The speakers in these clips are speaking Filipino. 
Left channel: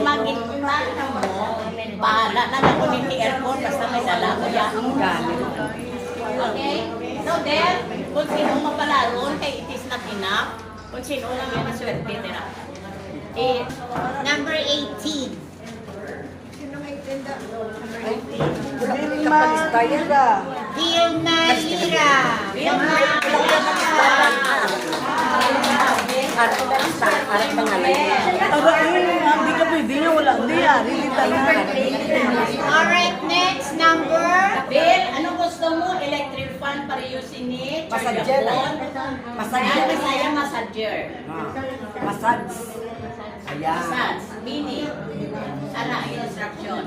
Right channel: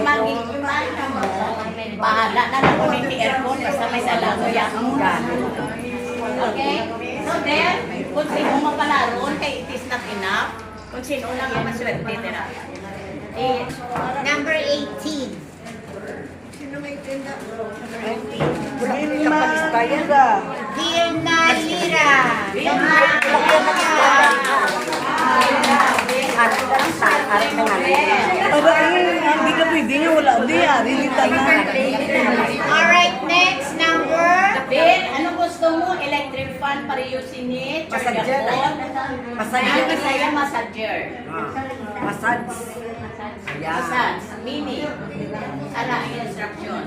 mag-iman mo, bahala na lang ko ng aircon, basta may dala ko yan. Okay? So then, kung sino mapalaron, kay it is not enough. Kung sino lang ang maswerte nila. Number 18. Vilna Lira. Hindi ka pwede nyo, wala di Alright, next number. Bill, ano gusto mo? Electric fan para yusinit? Massager. Ang Bisaya, massager. Massage. Massage. Meaning, ala, instruction.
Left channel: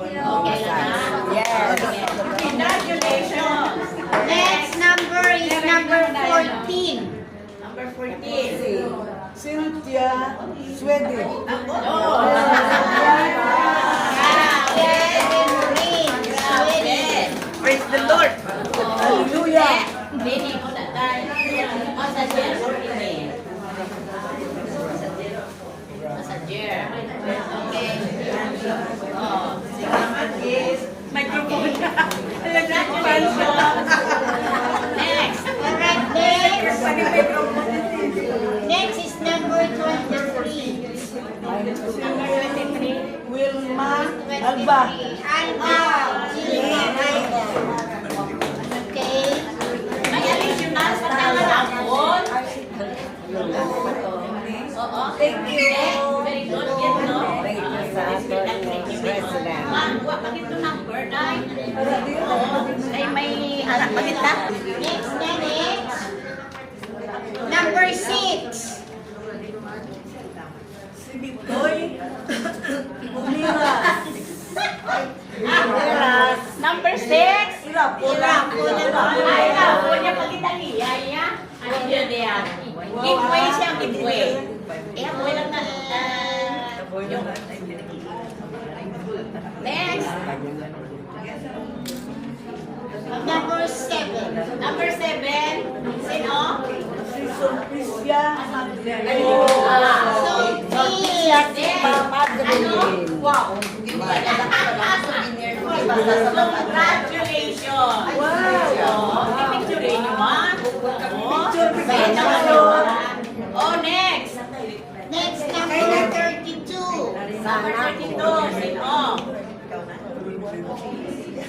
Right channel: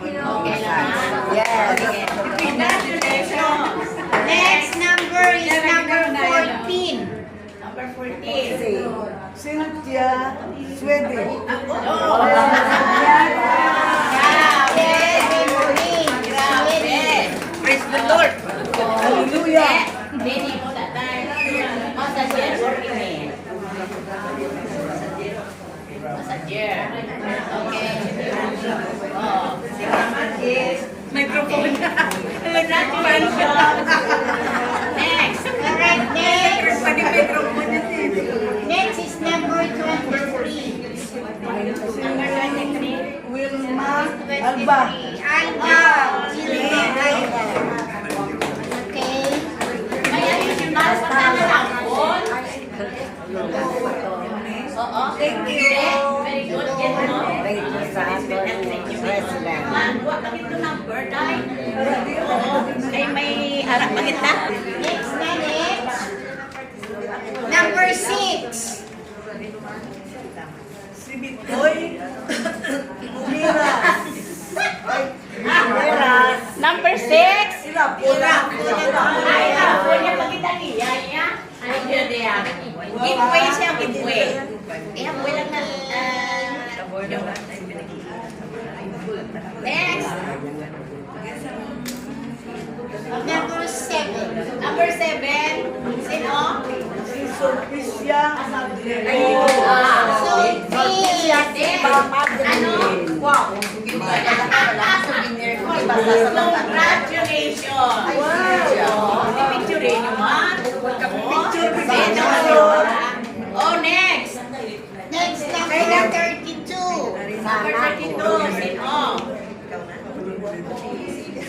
Okay lang ha? Yes. Okay. Congratulations. Next number is number 14. Number 14. Cynthia Swede. Oh. Praise the Lord. Hallelujah. Meaning, massager or email? Massager. Okay. Oh, sige. Microphone. Congratulations. Next. Alright, next. Next is number 23. Number 23. Wilma Alba. Alba. Okay. Ay, alis yung mas patangalangkol. Oo. Thank you. Very good. Get no? Thank you. Huwag kami ito ng bird eye. Oo. Ay, may harap pa kita. Next na next. Number 6. Si Bitoy Umiras. Number 6. Irapula. Ay, ako niya pag italiya niya. Ano yun yan? Giveaway siya, giveaway. Eh, ako lang na... yung... Next. Number 7. Number 7. Sino? Si Sulpicia Magdalene. So, Ano? Wow. Congratulations. Wow. Picture niyo man. Oh, next. next number 32. Number 32. Sino?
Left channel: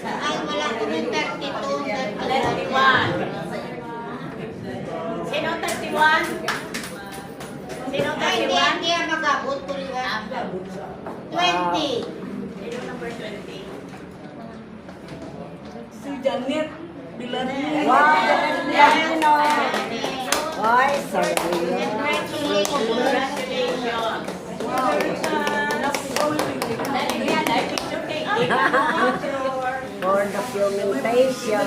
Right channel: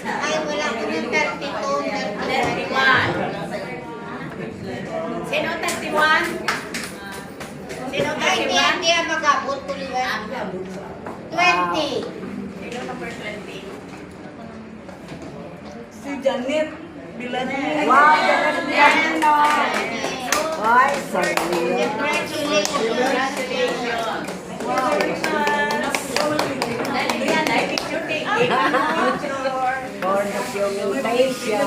Ay, wala ko ng 32. 31. Sino 31? Sino Ay, 31? hindi mag-abot ko rin. 20. Sino number 20? Si Janet Bilarni. Ay, sorry. congratulations. Congratulations. Dali yan, ay picture taking. For documentation.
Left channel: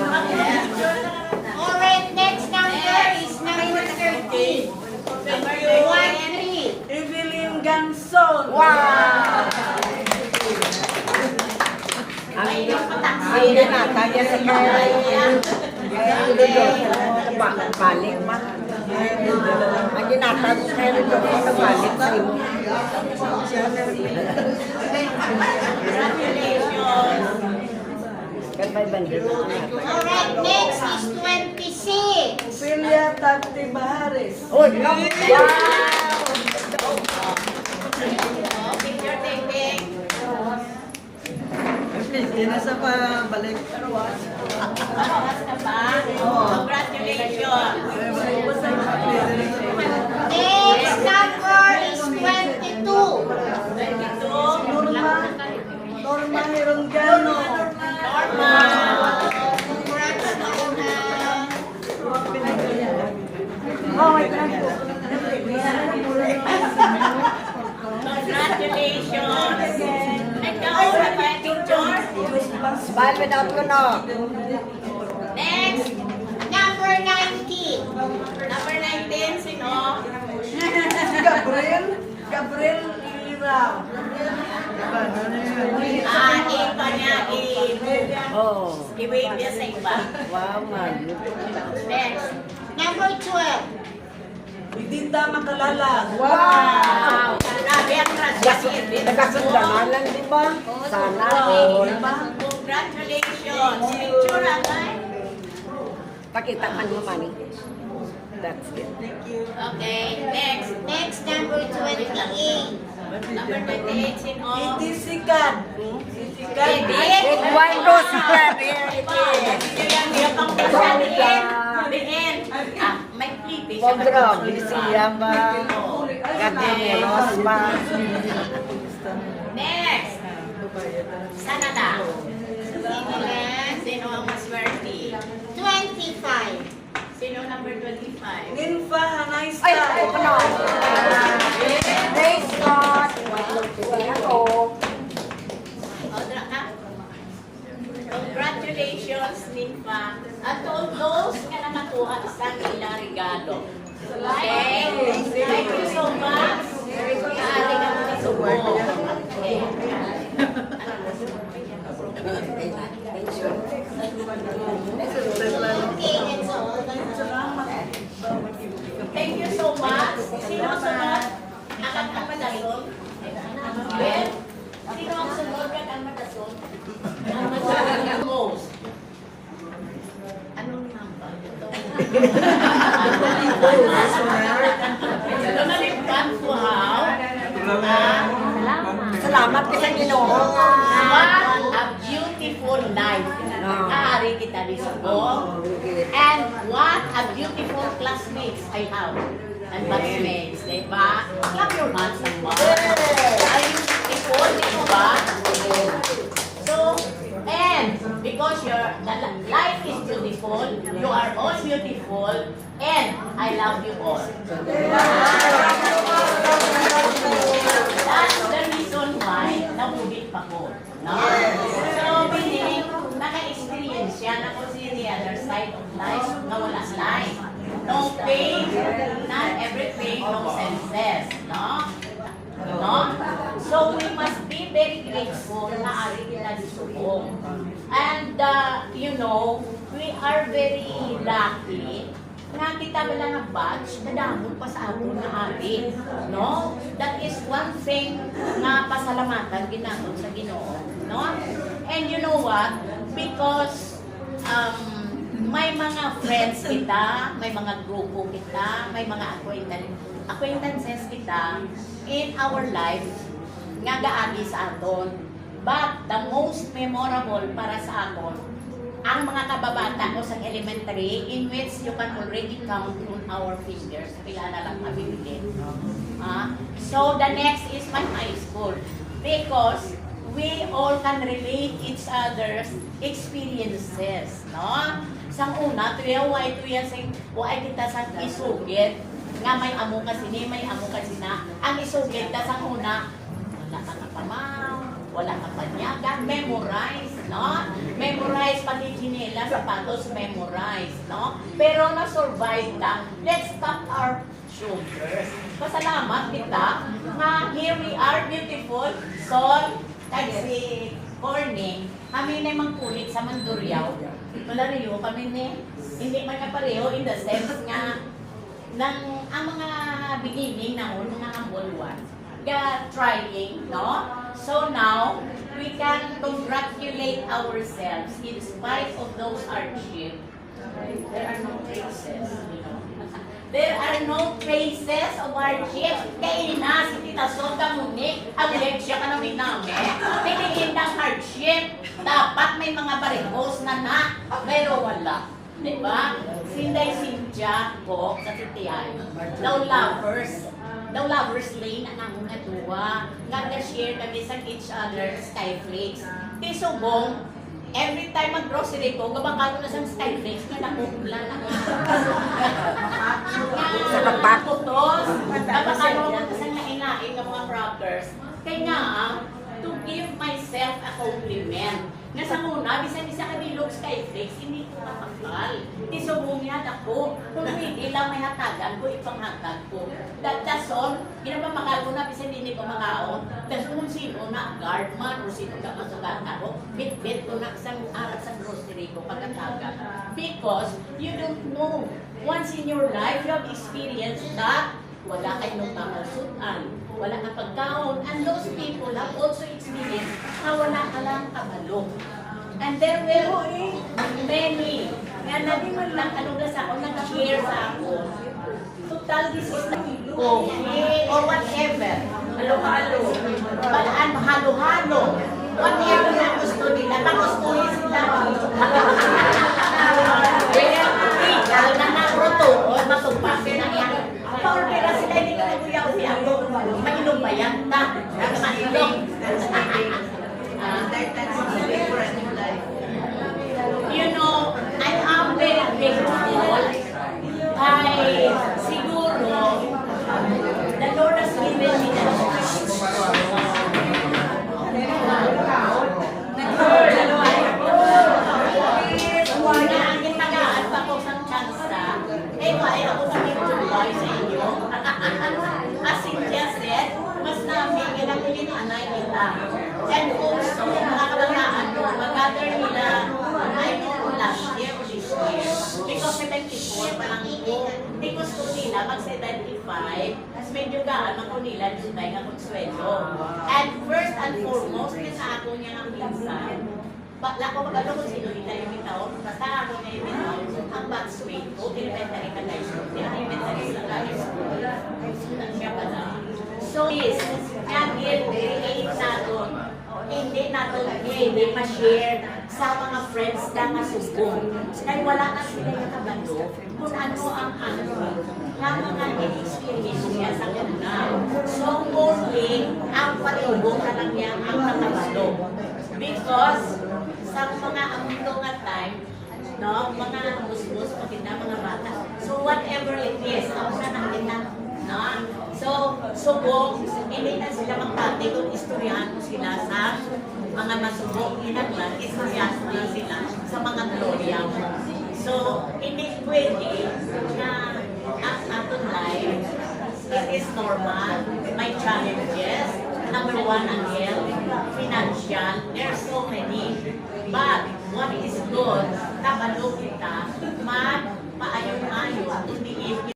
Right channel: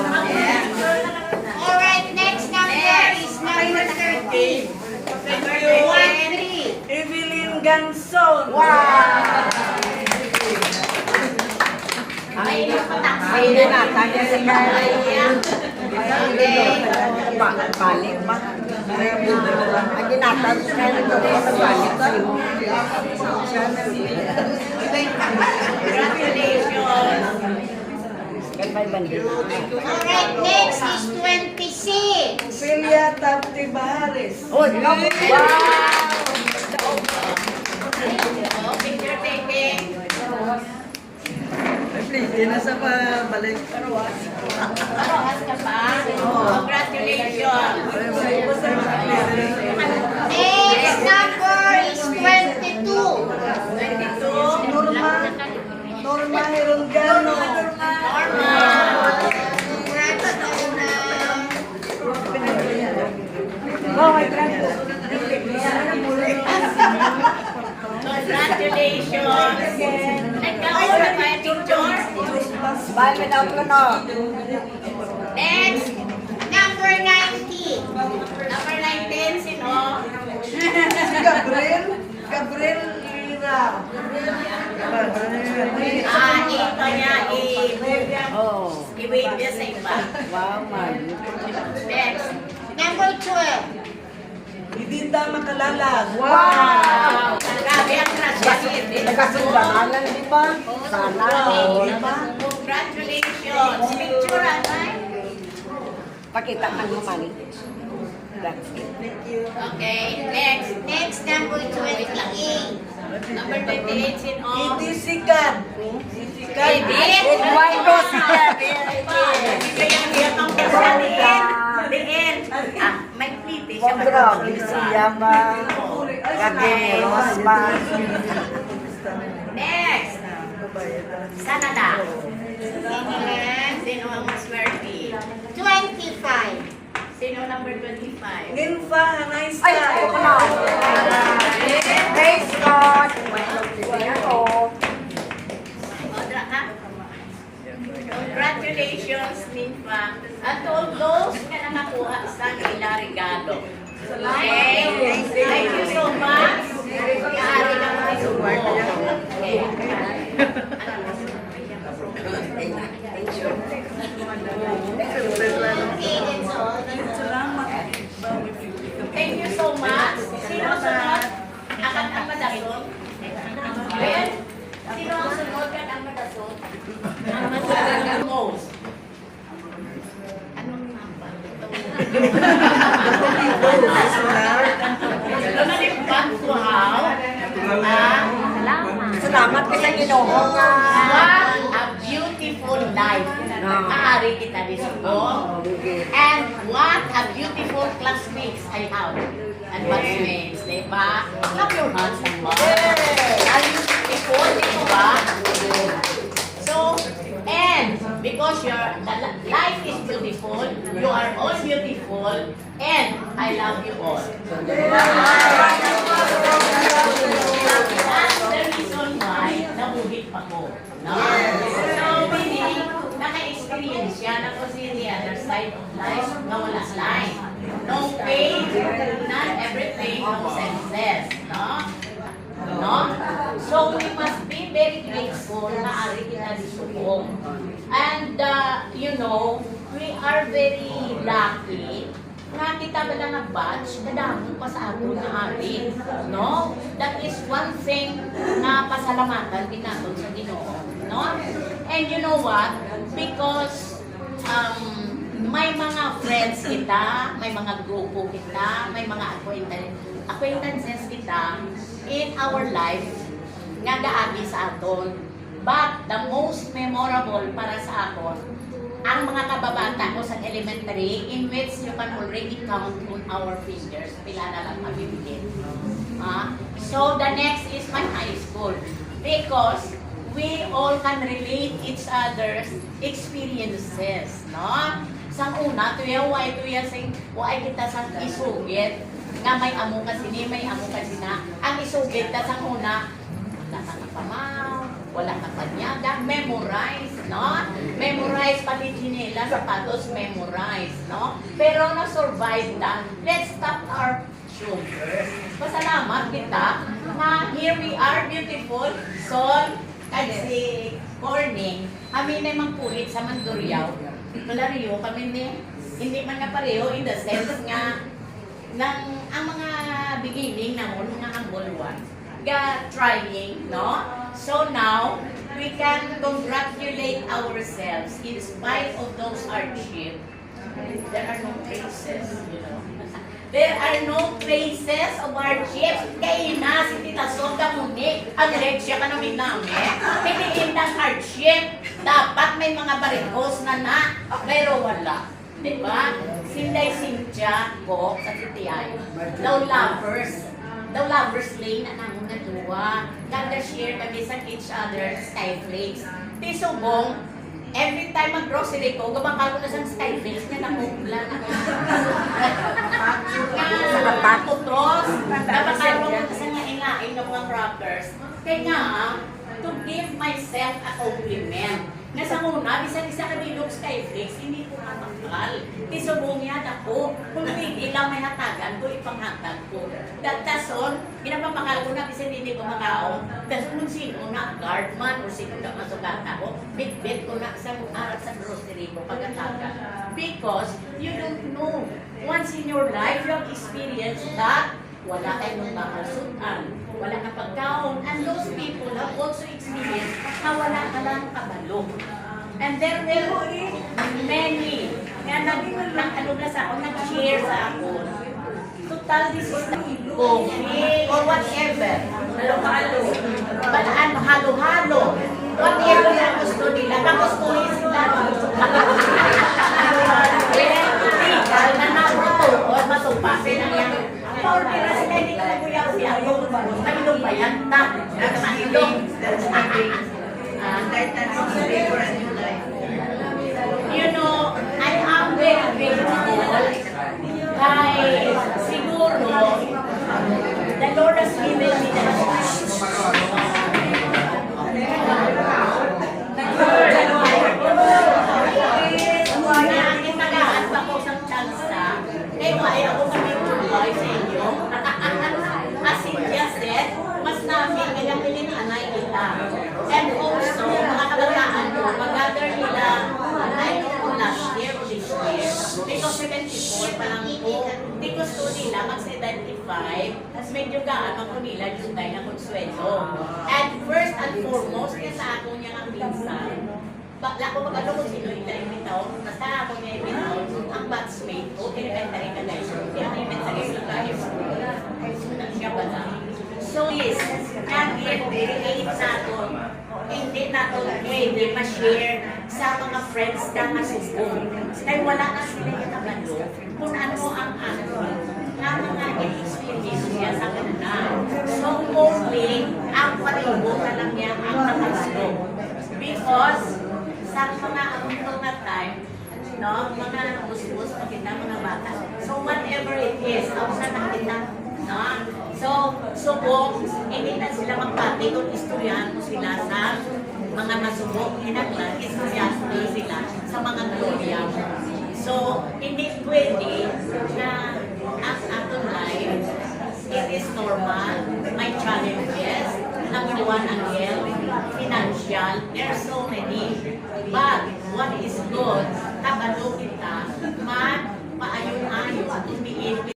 Alright, next number is number 13. Number 13. Evelyn Ganson. Wow! Ay, yung patang. Ay, nakakanya sa kaya. Balik pa. Ang ginatag sa kanya ito, balik pa. Congratulations. Alright, next is 26. Ophelia Tati Bahares. Oh, no! Wow! Oh, picture taking. Parohas ka pa? Congratulations. Next number is 22. 22. Norma Herongano. Norma. Congratulations. Nagkaura pa yung picture. Balik ako na. Next, number 19. Number 19, sino? Si Gabriel Lira. Iba niya, Oh. i-wait niya sa iba. Wow, man. Next. Number 12. Idinda Makalalag. Wow! Congratulations. Nagkasundamalan, di ba? Sana, di ba? Congratulations! Picture agay. Pakita man mo man. That's it. Okay, next. Next, number 28. Number 28, sino? Sikat. It one goes spread. Kaya ang hirap ang basa diin. May pliti siya. Mondro, siya ba? Kagemos ba? Next. Sana na. Sino ang mas swerte? 25. Sino number 25? Ninfa, nice Ay, ako na. Praise God. Odra ka? Congratulations, Ninfa. At all those na nakakuha sa nila regalo. Okay. Thank you so much. Maaari ka mga subo. Okay. Okay, that's all. Thank you so much. Sino sunod? Akan ang madason? Ben? Sino ang sunod kan ang madason? Ang madason most. Anong number? Ito. Lumalimpan ko how? Salamat kasi Ginoo nga. What a beautiful life. Maaari kita disubong. And what a beautiful classmates I have. And batchmates, di ba? Clap your hands naman. Are you beautiful, di ba? So, and because your life is beautiful, you are all beautiful, and I love you all. That's the reason why nabuhit pa ko. No? So, meaning, naka-experience siya na kung si the other side of life na wala life. No pain, not everything, no senses. No? No? So, we must be very grateful na ari kita disubong. And, you know, we are very lucky nga kita ba lang nga batch, kadamon pa sa ato na ari. No? That is one thing na pasalamatan ginaton sa Ginoo. No? And you know what? Because may mga friends kita, may mga grupo kita, may mga acquaintances kita in our life nga gaagi sa aton. But the most memorable para sa aton, ang mga kababata ko sa elementary in which you can already count on our fingers. Pila na lang mabibigin. So the next is my high school. Because we all can relate each other's experiences. No? Sang una, tuya sing way kita sang isugit nga may amo kasi ni, may amo kasi na. Ang isugit ta sang una, wala ka kapamaw, wala ka panyaga, memorize, no? Memorize pati chinela, sapatos, memorize, no? Pero na-survive na, let's tap our shoulders. Pasalamat kita nga here we are, beautiful, Sol, kasi Corning, kami na yung kulit sa Mandurriao. Malariyo kami ni, hindi man ka pareho in the sense nga ang mga beginning na nga ang bolwan trying, no? So now, we can congratulate ourselves in spite of those hardships. There are no traces, you know. There are no traces of hardship. Kaya na si Tita Soga Muni, ang leksya ka namin namin. Pinigin ng hardship. Dapat may mga barikos na, pero wala. Diba? Sinday Cynthia ko sa Titiyay. Daw lovers lane na namo nga duwa. Nag-share kami sa each other skyflakes. Tisubong, every time mag-grocery ko, gabangkal ko na sa skyflakes nga nakupla na nga putros. Gabangkal ko na sa ngain ng mga crackers. Kaya to give myself a compliment. Nga sa muna, bisan isa ka bilog skyflakes, hindi ko mapakal. Tisubong yan ako. Kung hindi lang may hatagan ko, ipanghatag ko. Dason, ginapapakal ko na, bisan hindi ko makaon. Dason kung sino na, guardman o sino na masukat ako, bit-bit ko na isang araw sa grocery ko pagkatagan. Because you don't know, once in your life, you have experienced that wala kayong makalsutan, wala kang pagkaon, and those people have also experienced na wala ka lang kabalo. And there will many, kaya nag-share sa ako, total this is the coffee or whatever, halo-halo, whatever na gusto nila, pagustuhin sila. Illegal na naruto o matupasin na yan. Paulira sila, hindi ka naguyang siya. Mailong ba yan? Mailong. You know, I am very grateful. Ay, siguro, the Lord has given me the and also, mga kabataan ko, mag-gather nila, I know kung last year or this year, because 74 pa lang po, hindi gusto nila mag-75, mas medyo gaan ako nila yung tayo na konsuelo. And first and foremost, kaya sa ako niya ng minsan, bakla ko magano kung sino yung tayo, basta ako niya yung ang batchmate ko, elementary na guys, elementary na guys, siya ba na? So yes, nag-relate natin, hindi ma-share sa mga friends na masubong. Dahil wala na sila yung kabalo kung ano ang na mga experience niya sa kanila. So only, ang paribo na lang niya ang nakaslo. Because sa mga amundo nga time, no, mga busbus, mga bata. So whatever it is, ako sa nakita, no? So, subok, hindi na sila magpati kung istoryahan mo sila sa mga masubok, hinaglan, istoryahan mo sila sa mga gloria. So, hindi pwede na as aton life, it is normal, may challenges. Number one, ang health, financial, there are so many. But, what is good, kabalo kita, paayon-ayon, hindi